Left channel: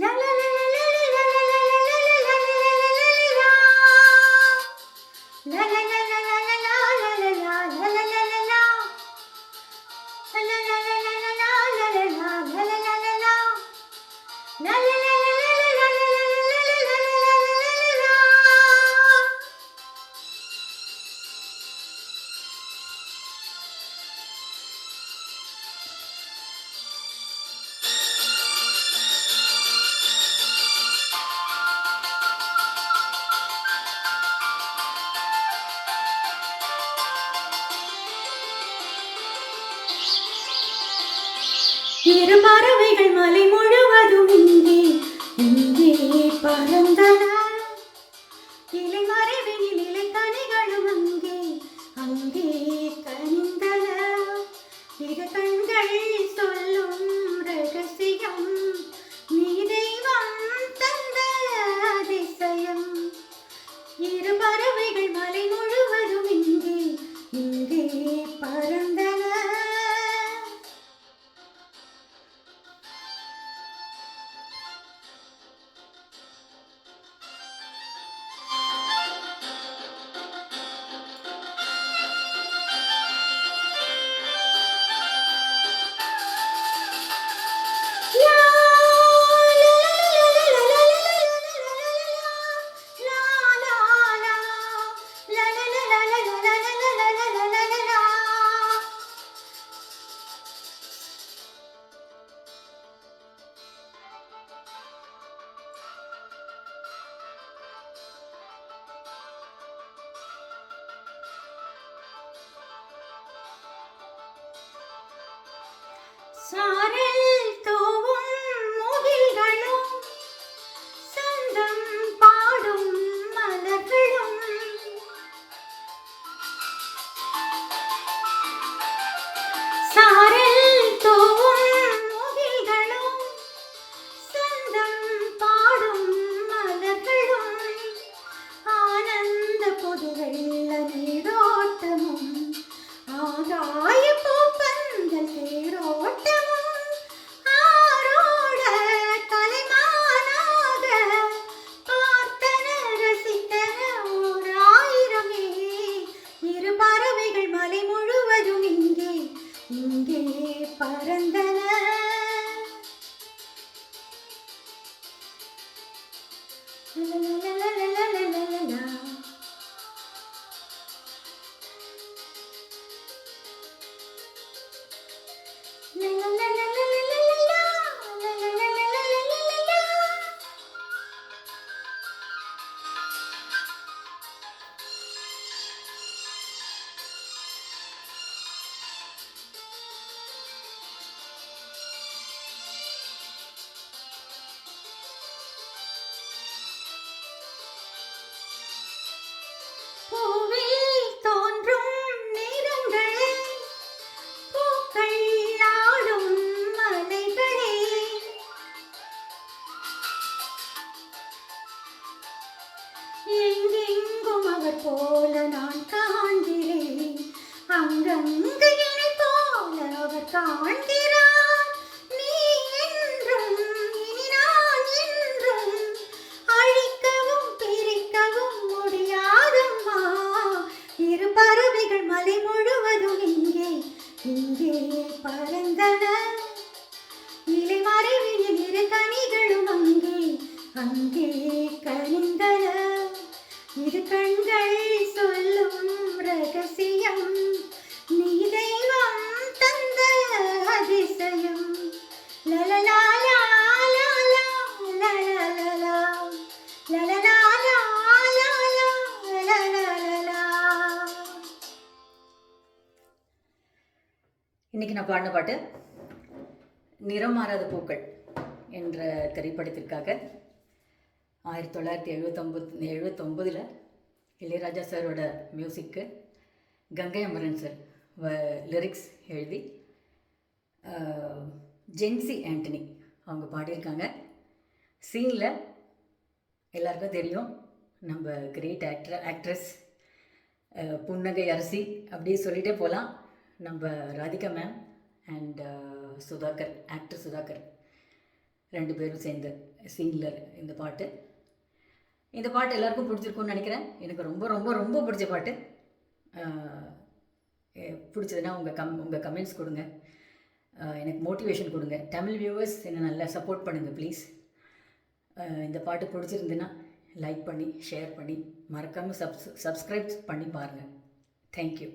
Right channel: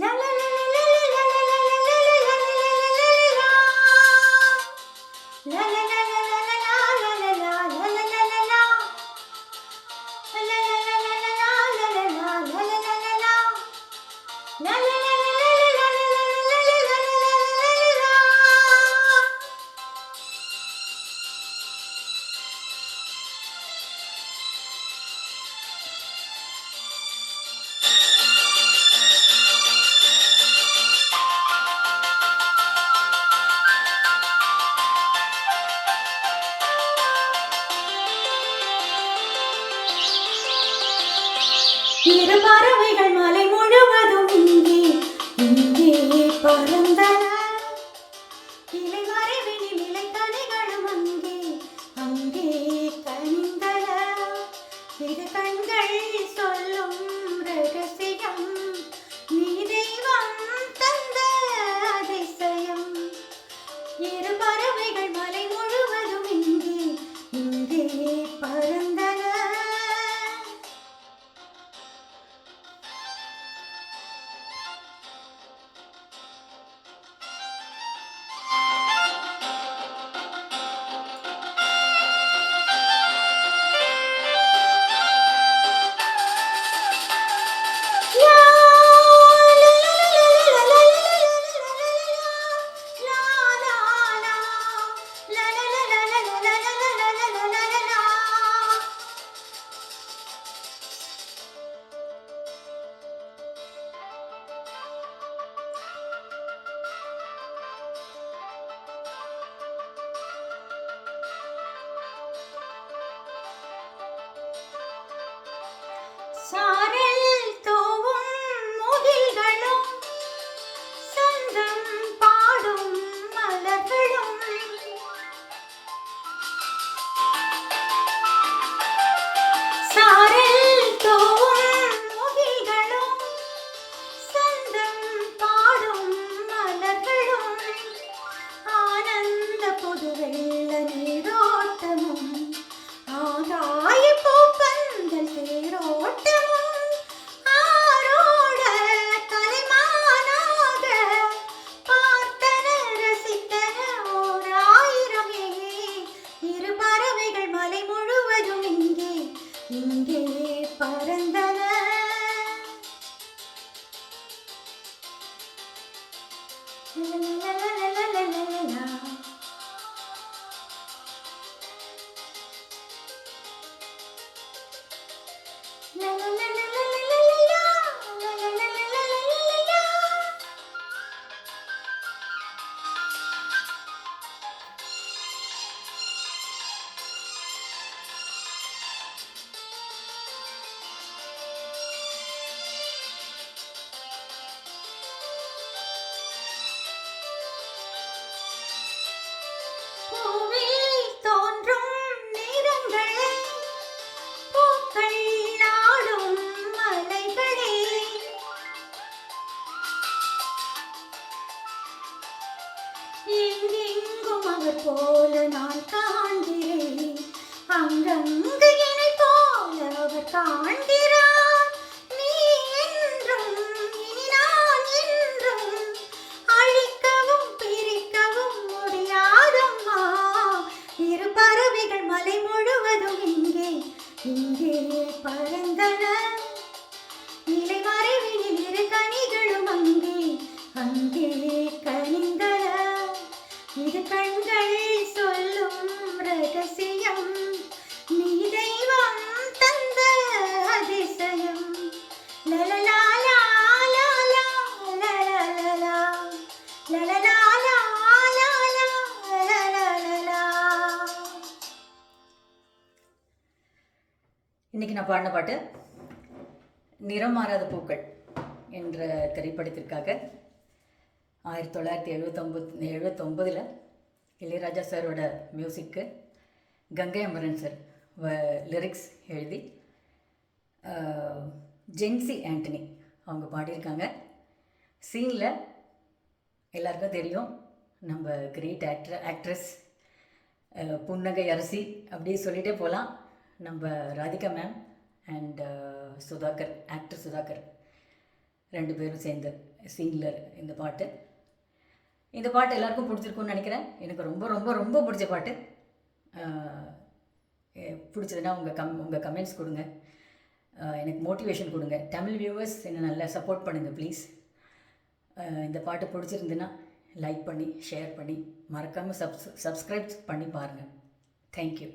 La la la la la la la la la la இரு பறவைகள் மலை முழுவதும் இங்கே இங்கே பறந்தன. இலை மறைவினில் இலை தனிகளும் அங்கே அங்கே கனிந்தன. இது கண்கள் சொல்லும் ரகசியம், நீ தெய்வம் தந்த அதிசயம். இரு பறவைகள் மலை முழுவதும் இங்கே இங்கே பறந்தன. சாரல் தூவும் முகில்களும் சந்தம் பாடும் மலர்களும் சாரல் தூவும் முகில்களும் சந்தம் பாடும் மலர்களும் ஆனந்த புதுவெள்ள நீரோட்டமும் ஆகாய பூப்பந்தல் தேரோட்டமும் ஆரோட தலைமானாக பார்த்தன ரசித்தன ஓர் ஆயிரமே. இரு பறவைகள் மலை முழுவதும் இங்கே இங்கே பறந்தன. பூவில் தோன்றும் நிறங்களே, பூக்கள் நாடும் மலைகளே, எங்கெங்கும் அவர் போல நான் காண்கிறேன், அங்கங்கு என்னை போல அவர் காண்கிறார். நீ என்றும் இனி நான் என்றும் அழிக்கவும் பிரிக்கவும் முடியாதம்மா. இரு பறவைகள் மலை முழுவதும் இங்கே இங்கே பறந்தன. இலை மறைவினில் இரு கனிகளும் அங்கே அங்கே கனிந்தன. இது கண்கள் சொல்லும் ரகசியம், நீ தெய்வம் தந்த அதிசயம். லலலா லா லா லா லலலா லலலா லா லா லா லலலா. இன்றைக்கி நான் பாடின பாட்டு நிறம் மாறாத பூக்கள் என்ற திரைப்படத்திற்காக 1979 இளையராஜா சாரோட மியூசிக்கு கங்கை அமரன் சார் லிரிக்ஸ் எழுதி ஜென்சி ஆண்டனி அவங்க பாடியிருக்காங்க. சீனில் எல்லாருக்கும் தெரியும், நம்ம கிரேட் ஆக்ட்ரஸ் புன்னகை அரசி அப்படியே சொல்லிகிட்டே போகலாம். நம்ம Radhika ma'am and Sudhakar, actor Sudhakar 2 பேரும் சேர்ந்த சீனில் இந்த பாட்டு. இந்த பாட்டு எல்லாருக்கும் பிடிச்சிருக்குன்னு நினைக்கிறேன். எனக்கு ரொம்ப ரொம்ப ரொம்ப பிடிச்ச பாட்டு. பிடிச்சதுன்னா உங்கள் கமெண்ட்ஸ் கொடுங்க, எனக்கு மோட்டிவேஷன் கொடுங்க. தமிழ் வியூவர்ஸ் என்னை நல்லா சப்போர்ட் பண்ணுங்கள் ப்ளீஸ். இந்த பாட்டு பிடிச்சிருந்துன்னா லைக் பண்ணி ஷேர் பண்ணி மறக்காமல் சப்ஸ்கிரைப் பண்ணி பாருங்கள். தேங்க்யூ.